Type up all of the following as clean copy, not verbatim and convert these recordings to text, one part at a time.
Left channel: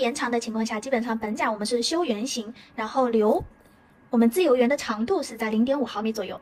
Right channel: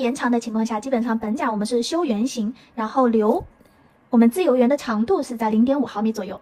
延长的情况下，基本上本甲我们是修圆形，然后留我们自由圆的长度是在 0.5 毫米左右。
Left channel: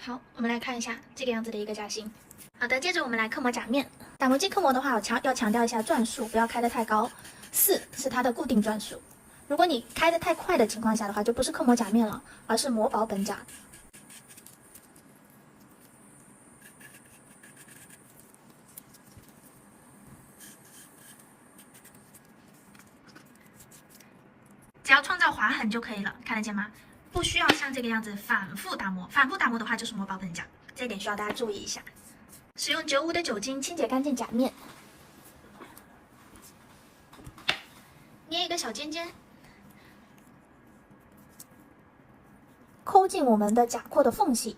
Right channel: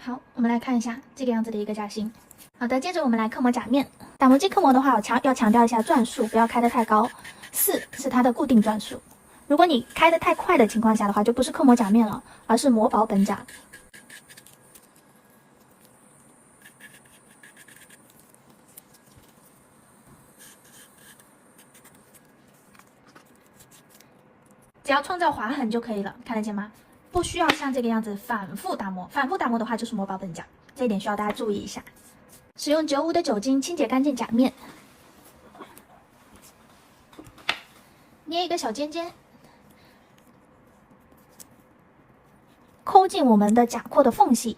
好，我们来看一下这个样子的一个甲型。好的，接着我们来刻模甲面。打磨机刻模的话，我要强调一下转速不要开得太高，4是它的固定转速。如果你开得太快的情况下的话，就不是刻模甲面了，而是磨薄本甲。只要创造划痕就可以了，看得见吗？不需要像这个样子反复打磨，反复打磨的话就是磨薄本甲，这一点需要大家注意一下。使用95的酒精清洁干净甲面，捏一个小尖尖，抠进我们的甲廓的缝隙，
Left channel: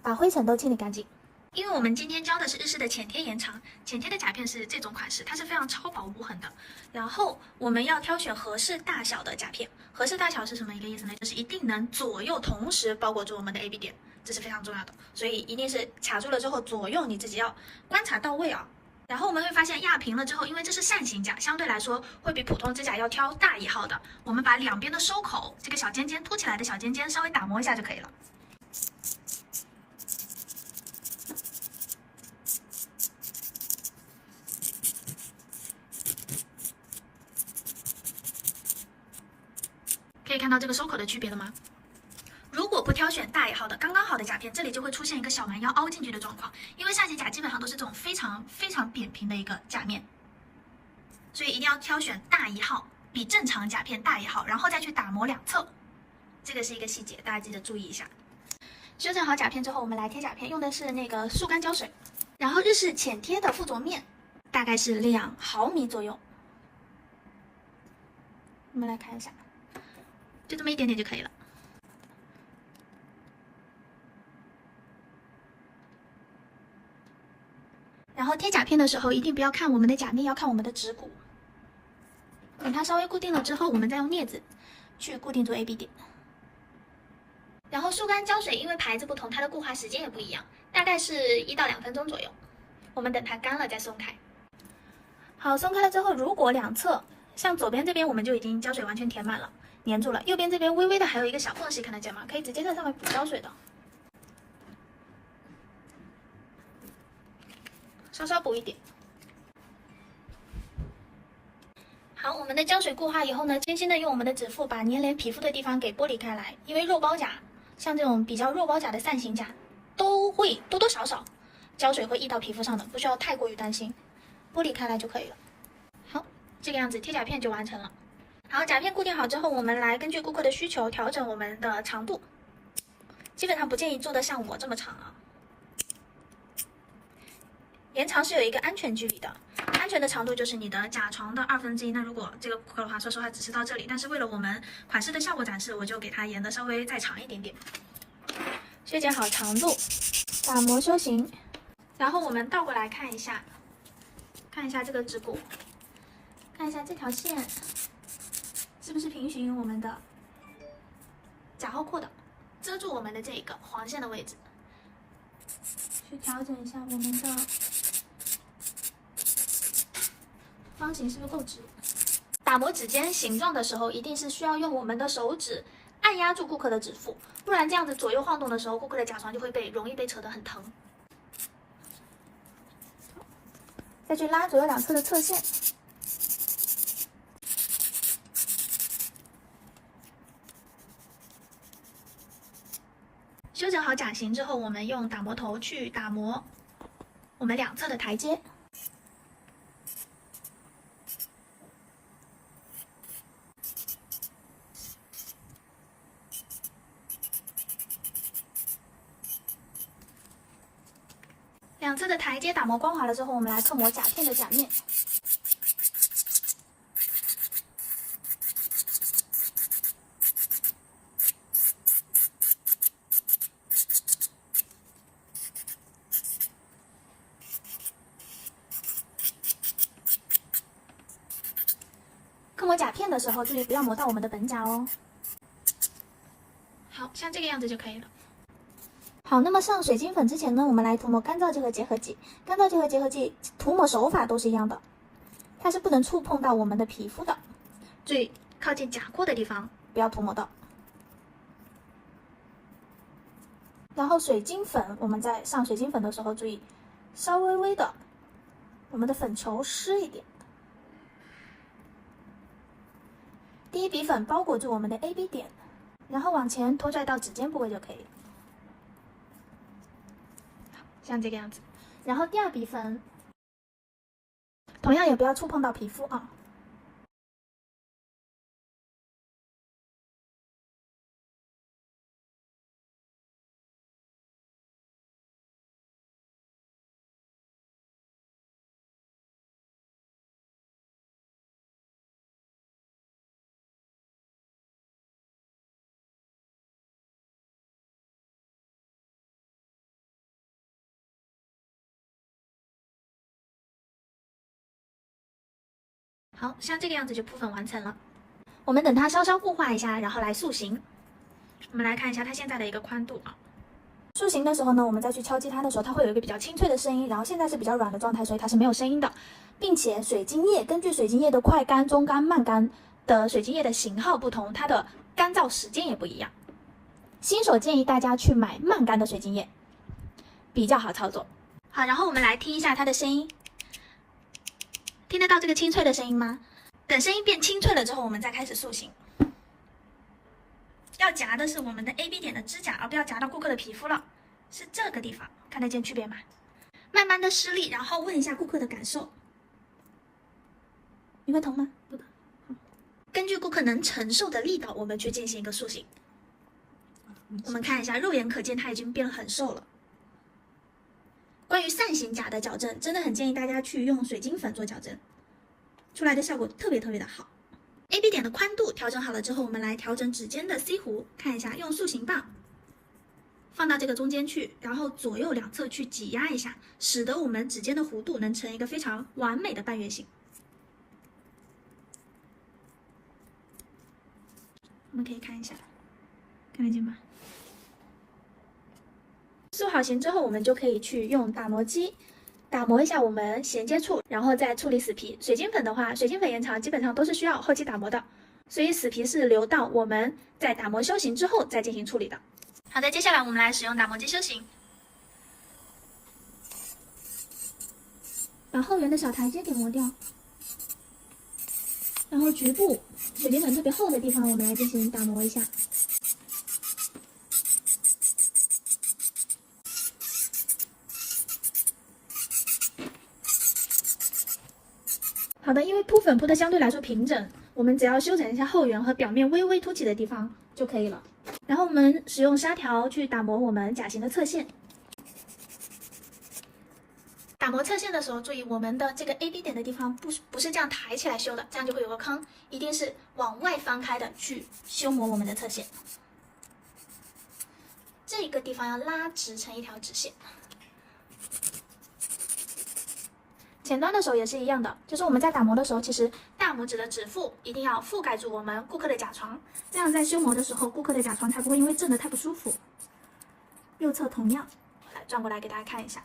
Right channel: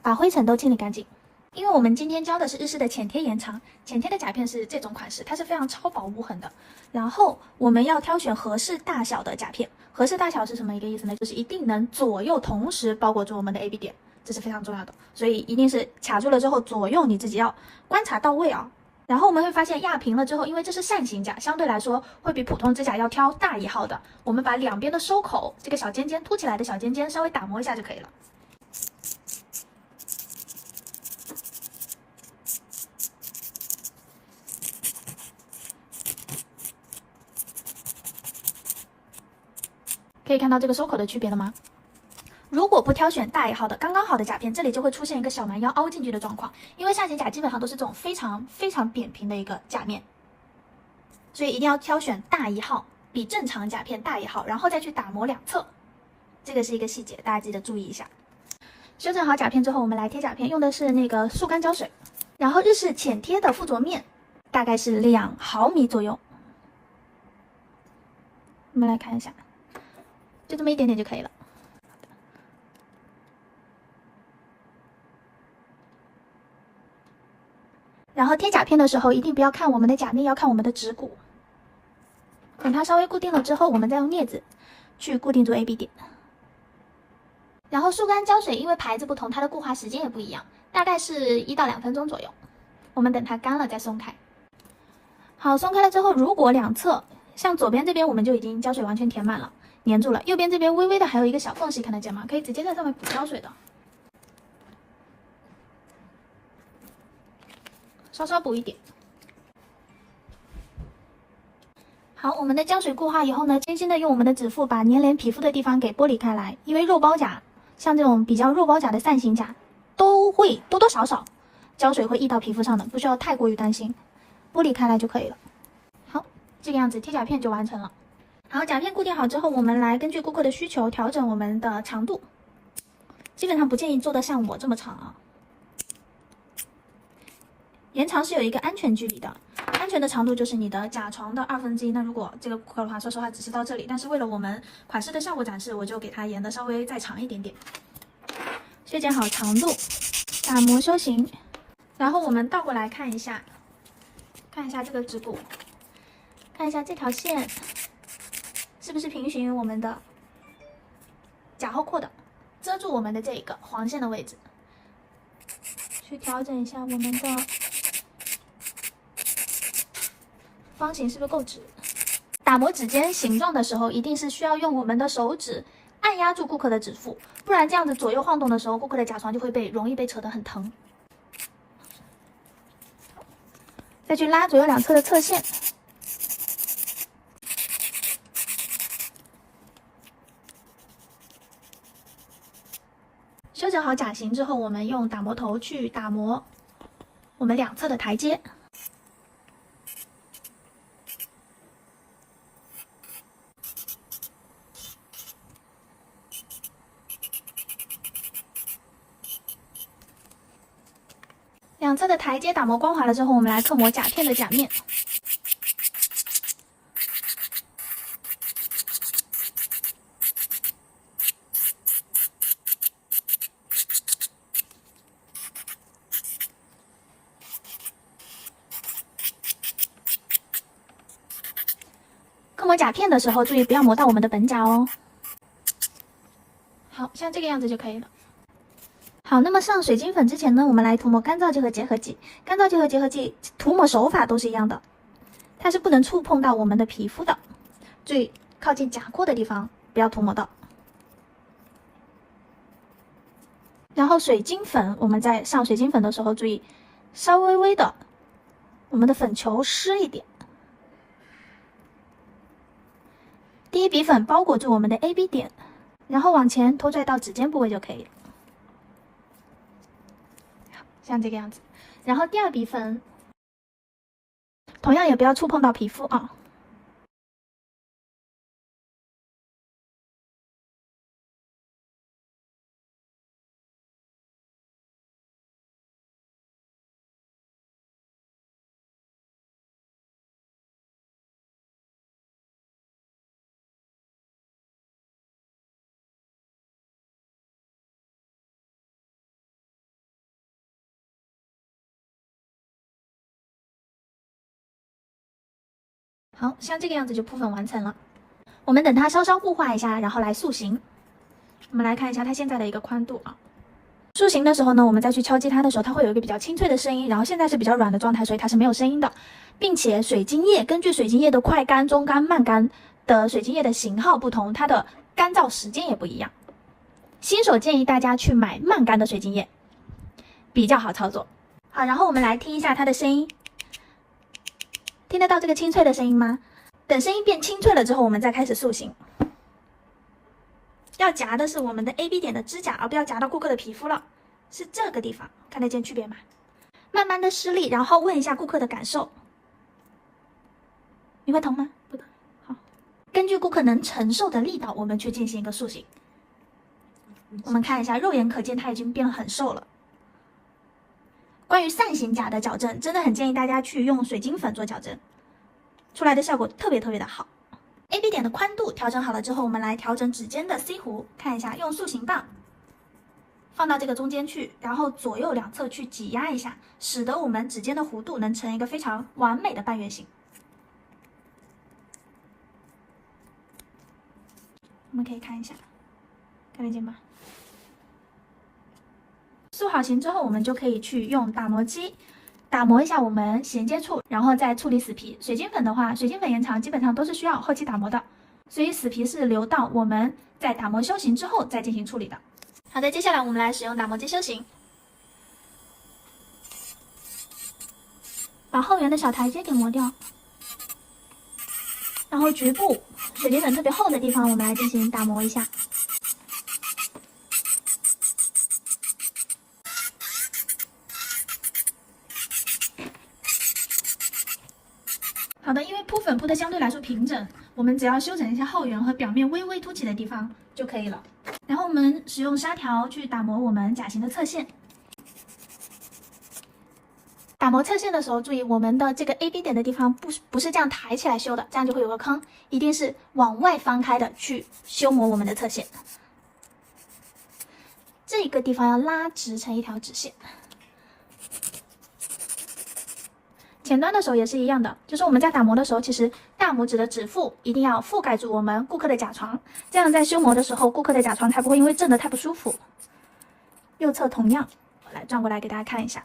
把灰尘都清理干净。因为我们今天教的是日式的浅贴延长，浅贴的甲片是这种款式，它是非常超薄无痕的。然后我们要挑选合适大小的甲片，合适大小是什么一个意思呢？就是一定能左右同时包裹住我们的 AB 点，这是非常重要的。所以一定是卡住了之后，左右你自己要观察到位啊。然后我们会发现压平了之后，因为这是扇形甲，相对来说会比普通指甲要挑大1号的。我们把两边的收口，这个小尖尖凸起来的小尖尖稍微打磨一下就可以了。可以看到这个收口的区别了吗？如果不挑选大1号的刚刚好的甲片，这里就会出现一个小蛮腰凹进去的状况。因为扇形甲基本上都是这种非常扁平的一个甲面，所以一定要挑选大1号，比正常甲片大1号，然后再去打磨两侧。这个是一个细节，大家记得注意一下。修整好甲片之后，我们来贴甲片，用的是那个速干胶水，然后日式浅贴的附着面大概是2毫米左右。我们来看一下。就这么一点点就可以了。然后贴甲片的时候，一定不要看我们的甲面，要看我们的指骨。等它稍微固定了之后，我们再用镊子去固定住 AB 点。然后速干胶水因为牌子不同，它的固化时间也不一样，大概是1到2分钟左右。我们等它干了再松开。好，松开了之后，如果两侧像左边这边我们就已经胶水完全填满了。粘住了，右边这边微微的还有一个小缝隙，看得见吗？可以直接在上面补胶水的，稍稍补一点。好，我们的胶水固化以后呢，轻轻的用我们的指腹把粘连皮肤的地方给剥离开来，因为肉包甲，像这种比较肉包甲的扇形甲，都会多多少少胶水会溢到皮肤上的，不需要太过于担心，剥离开来就可以了。好，这个样子贴甲片就完成了。好，甲片固定好之后，我们来根据顾客的需求调整我们的长度。基本上不建议做的像我这么长啊。延长是有一个安全距离的，安全的长度就是你的甲床的1/2。那如果这个顾客的话，说实话只是到这里，但是为了我们款式的效果展示，我就给它延的稍微再长一点点。修剪好长度，打磨修形，然后我们倒过来看一下这个指骨，看一下这条线。是不是平行于我们的甲后廓的，遮住我们的这一个黄线的位置，去调整一下我们的方形是不是够直？打磨指尖形状的时候，一定是需要用我们的手指按压住顾客的指腹，不然这样子左右晃动的时候，顾客的甲床就会容易被扯得很疼。再去拉左右两侧的侧线。修整好甲型之后，我们用打磨头去打磨我们两侧的台阶。两侧的台阶打磨光滑了之后，我们来刻磨甲片的甲面。刻磨甲片的时候，注意不要磨到我们的本甲哦。好像这个样子就可以了。好，那么上水晶粉之前呢，我们来涂抹干燥剂和结合剂。干燥剂和结合剂涂抹手法都是一样的，它是不能触碰到我们的皮肤的，注意靠近甲廓的地方不要涂抹到。然后水晶粉，我们在上水晶粉的时候，注意稍微微的，我们的粉球湿一点。第一笔粉包裹住我们的 AB 点，然后往前拖拽到指尖部位就可以了。好，像这个样子。然后第二笔粉，同样也不要触碰到皮肤啊。好像这个样子就铺粉完成了。我们等它稍稍固化一下，然后来塑形。我们来看一下它现在的一个宽度啊。塑形的时候呢，我们再去敲击它的时候，它会有一个比较清脆的声音。然后现在是比较软的状态，所以它是没有声音的，并且水晶液根据水晶液的快干、中干、慢干的水晶液的型号不同，它的干燥时间也不一样。新手建议大家去买慢干的水晶液，比较好操作。好，然后我们来听一下它的声音。听得到这个清脆的声音吗？等声音变清脆了之后，我们再开始塑形。要夹的是我们的 AB 点的指甲，而不要夹到顾客的皮肤了，是这个地方，看得见区别吗？慢慢的施力，然后问一下顾客的感受。你会疼吗？不疼。好，根据顾客能承受的力道，我们去进行一个塑形。我们看一下，肉眼可见它已经变得很瘦了。关于扇形甲的矫正，真的很建议大家去用水晶粉做矫正，出来的效果特别的好。AB 点的宽度调整好了之后，我们来调整指尖的 C 弧，看一下，用塑形棒放到这个中间去，然后左右两侧去挤压一下，使得我们指尖的弧度能成一个非常完美的半圆形。我们可以看一下，看得见吗？塑好形之后，我们就可以去用打磨机打磨一下我们衔接处，然后再处理死皮。水晶粉的话，水晶粉延长基本上都是需要后期打磨的，所以死皮是留到我们在打磨修形之后再进行处理的。好的，接下来我们来使用打磨机修形，把后缘的小台阶给磨掉，然后局部水晶粉特别厚的地方，我们来进行打磨一下。好的，因为铺粉铺的相对来说平整，我们只要修整一下后缘和表面微微凸起的地方就可以了。然后我们使用砂条去打磨我们甲型的侧线。打磨侧线的时候，注意我们的这个 AB 点的地方不是这样抬起来修的，这样就会有个坑，一定是往外翻开的去修磨我们的侧线。这个地方要拉直成一条直线。前端的时候也是一样的，就是我们在打磨的时候，其实大拇指的指腹一定要覆盖住我们顾客的甲床，这样在修磨的时候，顾客的甲床才不会因为震得太不舒服。右侧同样，我来转过来给大家看一下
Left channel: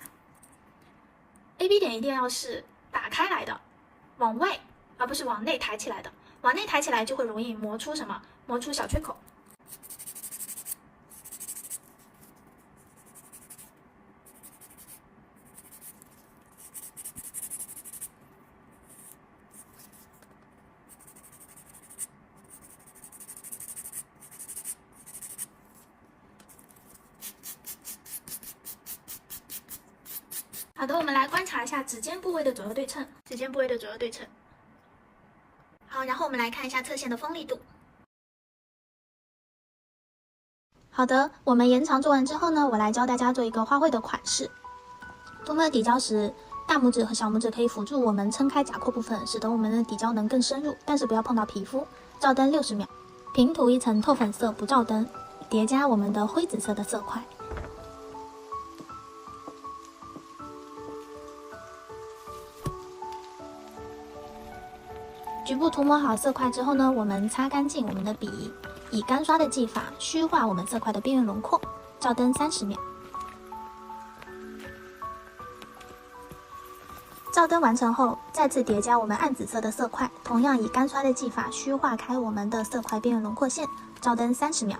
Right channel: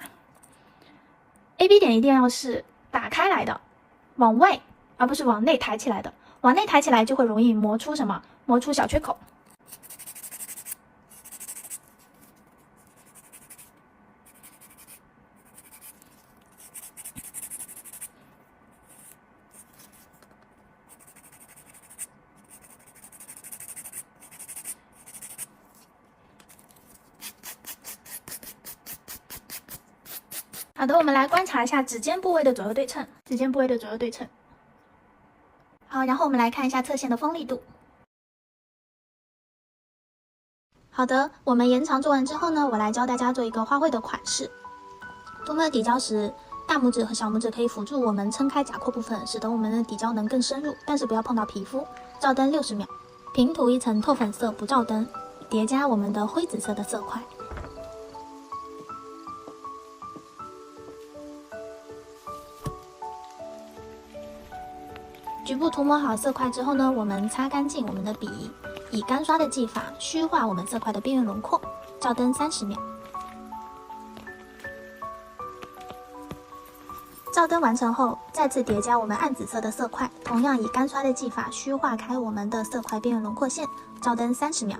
，AB 点一定要是打开来的，往外，而不是往内抬起来的，往内抬起来就会容易磨出什么？磨出小缺口。好的，我们来观察一下指尖部位的左右对称，指尖部位的左右对称。好，然后我们来看一下侧线的锋利度。好的，我们延长做完之后呢，我来教大家做一个花卉的款式。涂抹底胶时，大拇指和小拇指可以辅助我们撑开甲廓部分，使得我们的底胶能更深入，但是不要碰到皮肤。照灯60秒，平涂一层透粉色不照灯，叠加我们的灰紫色的色块。局部涂抹好色块之后呢，我们擦干净我们的笔，以干刷的技法虚化我们色块的边缘轮廓，照灯30秒。照灯完成后，再次叠加我们暗紫色的色块，同样以干刷的技法虚化开我们的色块边缘轮廓线，照灯30秒。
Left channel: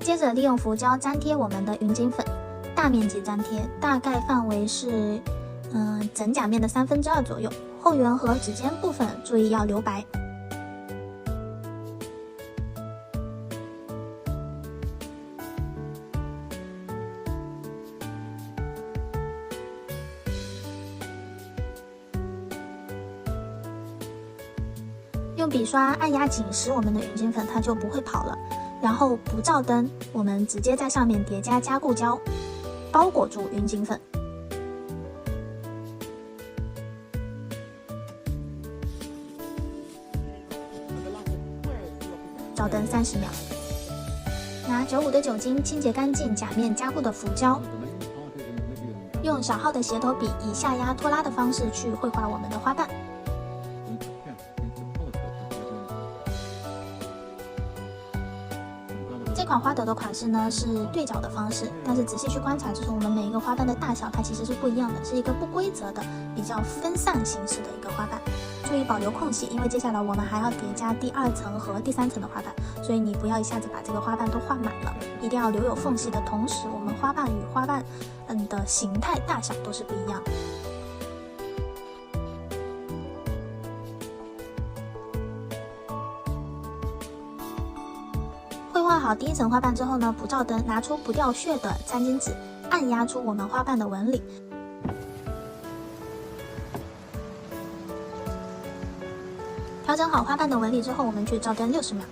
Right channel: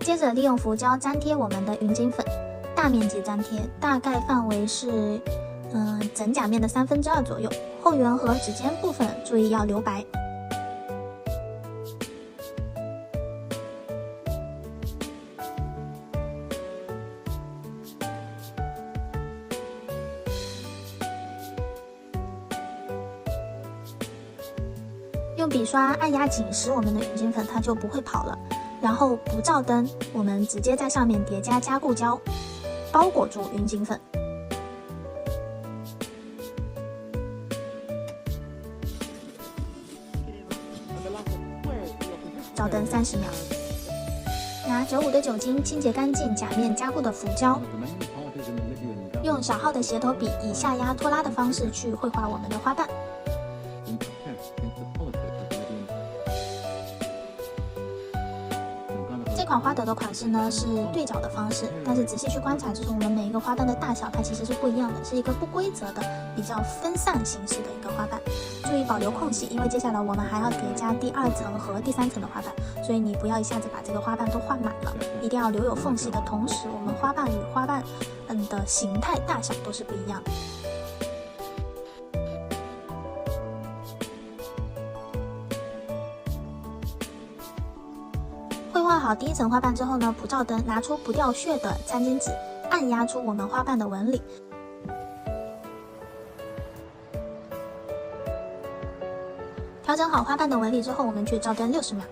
接着利用浮胶粘贴我们的云锦粉，大面积粘贴，大概范围是整甲面的2/3左右，后缘和指尖部分注意要留白。用笔刷按压紧实我们的云锦粉，它就不会跑了。然后不照灯，我们直接在上面叠加加固胶，包裹住云锦粉。照灯30秒。拿95的酒精清洁干净甲面加固的浮胶，用小号的斜头笔以下压拖拉的方式去绘画我们的花瓣。这款花朵的款式呢是对角的方式，但是仔细去观察，就是我们每一个花瓣的大小它其实是不一样的，是一个不规则的比较分散形式的一个花瓣。注意保留空隙，因为接下来我们还要叠加第2层和第3层的花瓣，所以你不要一下子把这个花瓣都画满了，一定要留有缝隙的同时，我们花瓣与花瓣的形态大小都是不一样的。绘画好第1层花瓣之后呢，不照灯，拿出不掉屑的餐巾纸，按压出我们花瓣的纹理。调整好花瓣的纹理之后，我们去照灯60秒。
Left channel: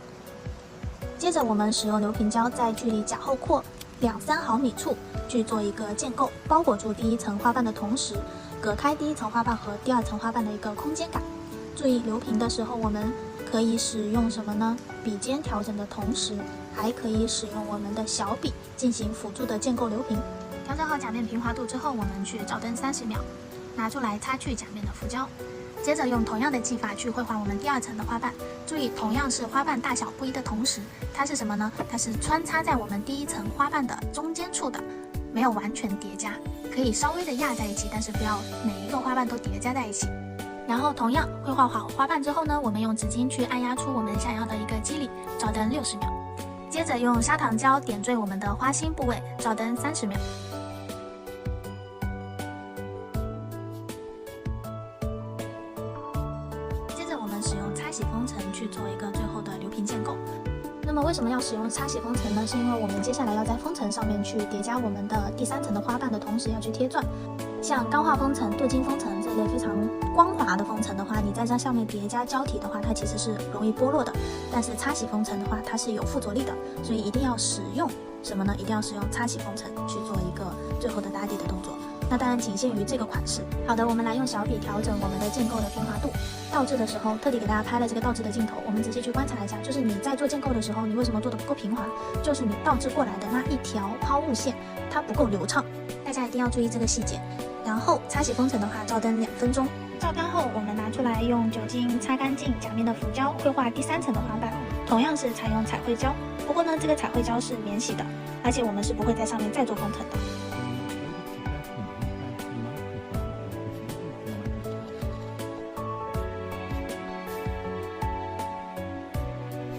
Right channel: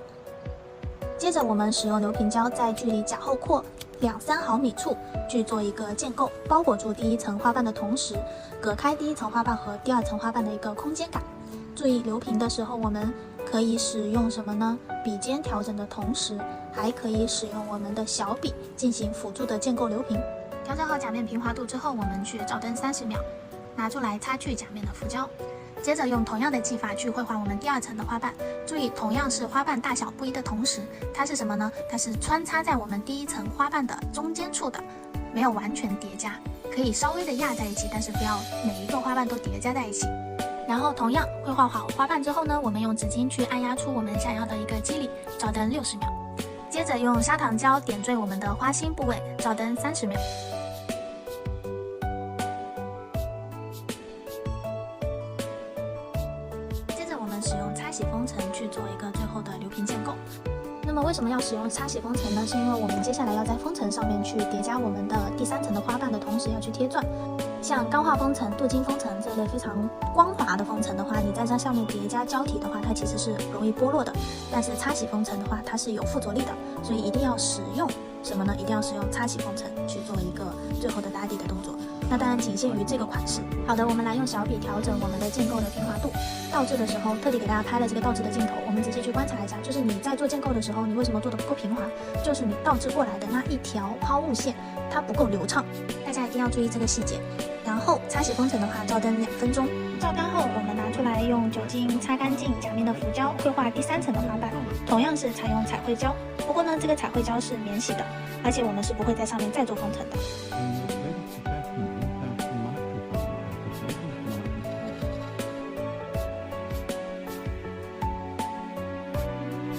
接着我们使用流平胶在距离甲后廓2-3毫米处去做一个建构，包裹住第1层花瓣的同时，隔开第1层花瓣和第2层花瓣的一个空间感。注意流平的时候，我们可以使用什么呢？笔尖调整的同时，还可以使用我们的小笔进行辅助的建构流平。调整好甲面平滑度之后，我们去照灯30秒，拿出来擦去甲面的浮胶。接着用同样的技法去绘画我们第2层的花瓣。注意，同样是花瓣大小不一的同时，它是什么呢？它是穿插在我们第1层花瓣的中间处的，没有完全叠加，可以稍微的压在一起，但是不要每一个花瓣都叠加在一起。然后同样绘画好花瓣之后呢，我们用纸巾去按压出我们想要的一个肌理，照灯60秒。接着用砂糖胶点缀我们的花心部位，照灯30秒。接着我们使用擦洗封层去做一个最后的流平建构。那么为什么要使用擦洗封层呢？是因为我们接下来要在封层上面去叠加我们的第3层的花瓣的同时，要去贴钻。像钢化封层、镀金封层这类非常光滑的封层的话，你在这上面叠加胶体的话，它其实是容易剥落的。但是擦洗封层的话，它是有附着力的，所以一定要使用什么呢？一定要使用擦洗封层去做一个最后的打底的动作。那当然仅限于这个款式。好的，我们来用小笔调整我们的建构的平滑度。倒置的时候，特地给大家拍了这个倒置的镜头，我们仔细去观察一下，就是你在做建构的时候，你为什么做的不够平滑？就是你倒置过来的那一条抛物线，它不够流畅，大家一定要注意这个细节。然后擦洗封层的话，照灯2分钟。照干后，我们拿出来用酒精擦干净甲面的浮胶，绘画第3层的花瓣，同样是采用彩绘胶。不过呢，这个彩绘胶是免洗的，而且我们是不会在上面再做封层的。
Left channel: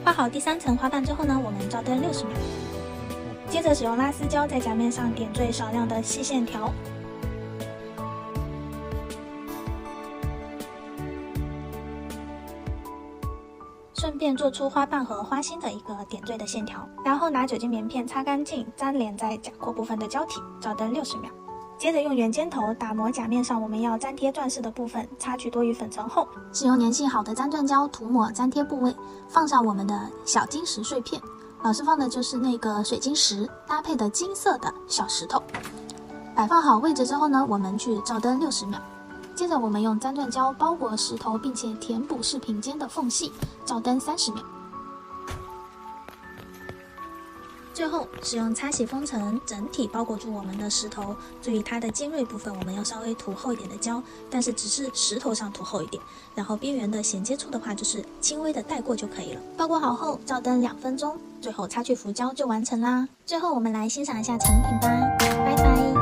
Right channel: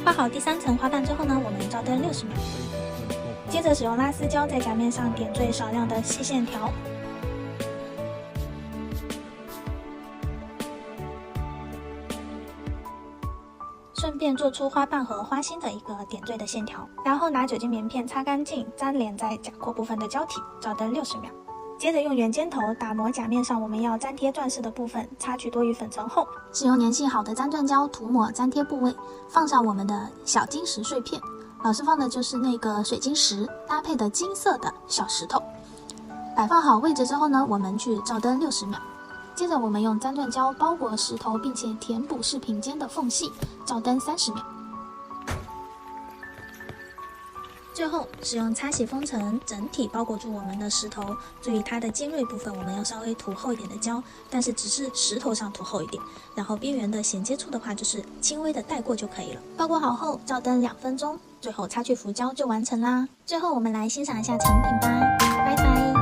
画好第3层花瓣之后呢，我们照灯60秒。接着使用拉丝胶在甲面上点缀少量的细线条。顺便做出花瓣和花心的一个点缀的线条，然后拿酒精棉片擦干净，粘连在甲廓部分的胶体，照灯60秒。接着用圆尖头打磨甲面上我们要粘贴钻饰的部分，擦去多余粉尘后，使用粘性好的粘钻胶涂抹粘贴部位，放上我们的小金石碎片。老师放的就是那个水晶石搭配的金色的小石头。摆放好位置之后呢，我们去照灯60秒。接着我们用粘钻胶包裹石头，并且填补饰品间的缝隙，照灯30秒。最后使用擦洗封层整体包裹住我们的石头，注意它的尖锐部分我们要稍微涂厚一点的胶，但是只是石头上涂厚一点，然后边缘的衔接处的话就是轻微的带过就可以了。包裹好后照灯2分钟，最后擦去浮胶就完成啦。最后我们来欣赏一下成品吧，拜拜。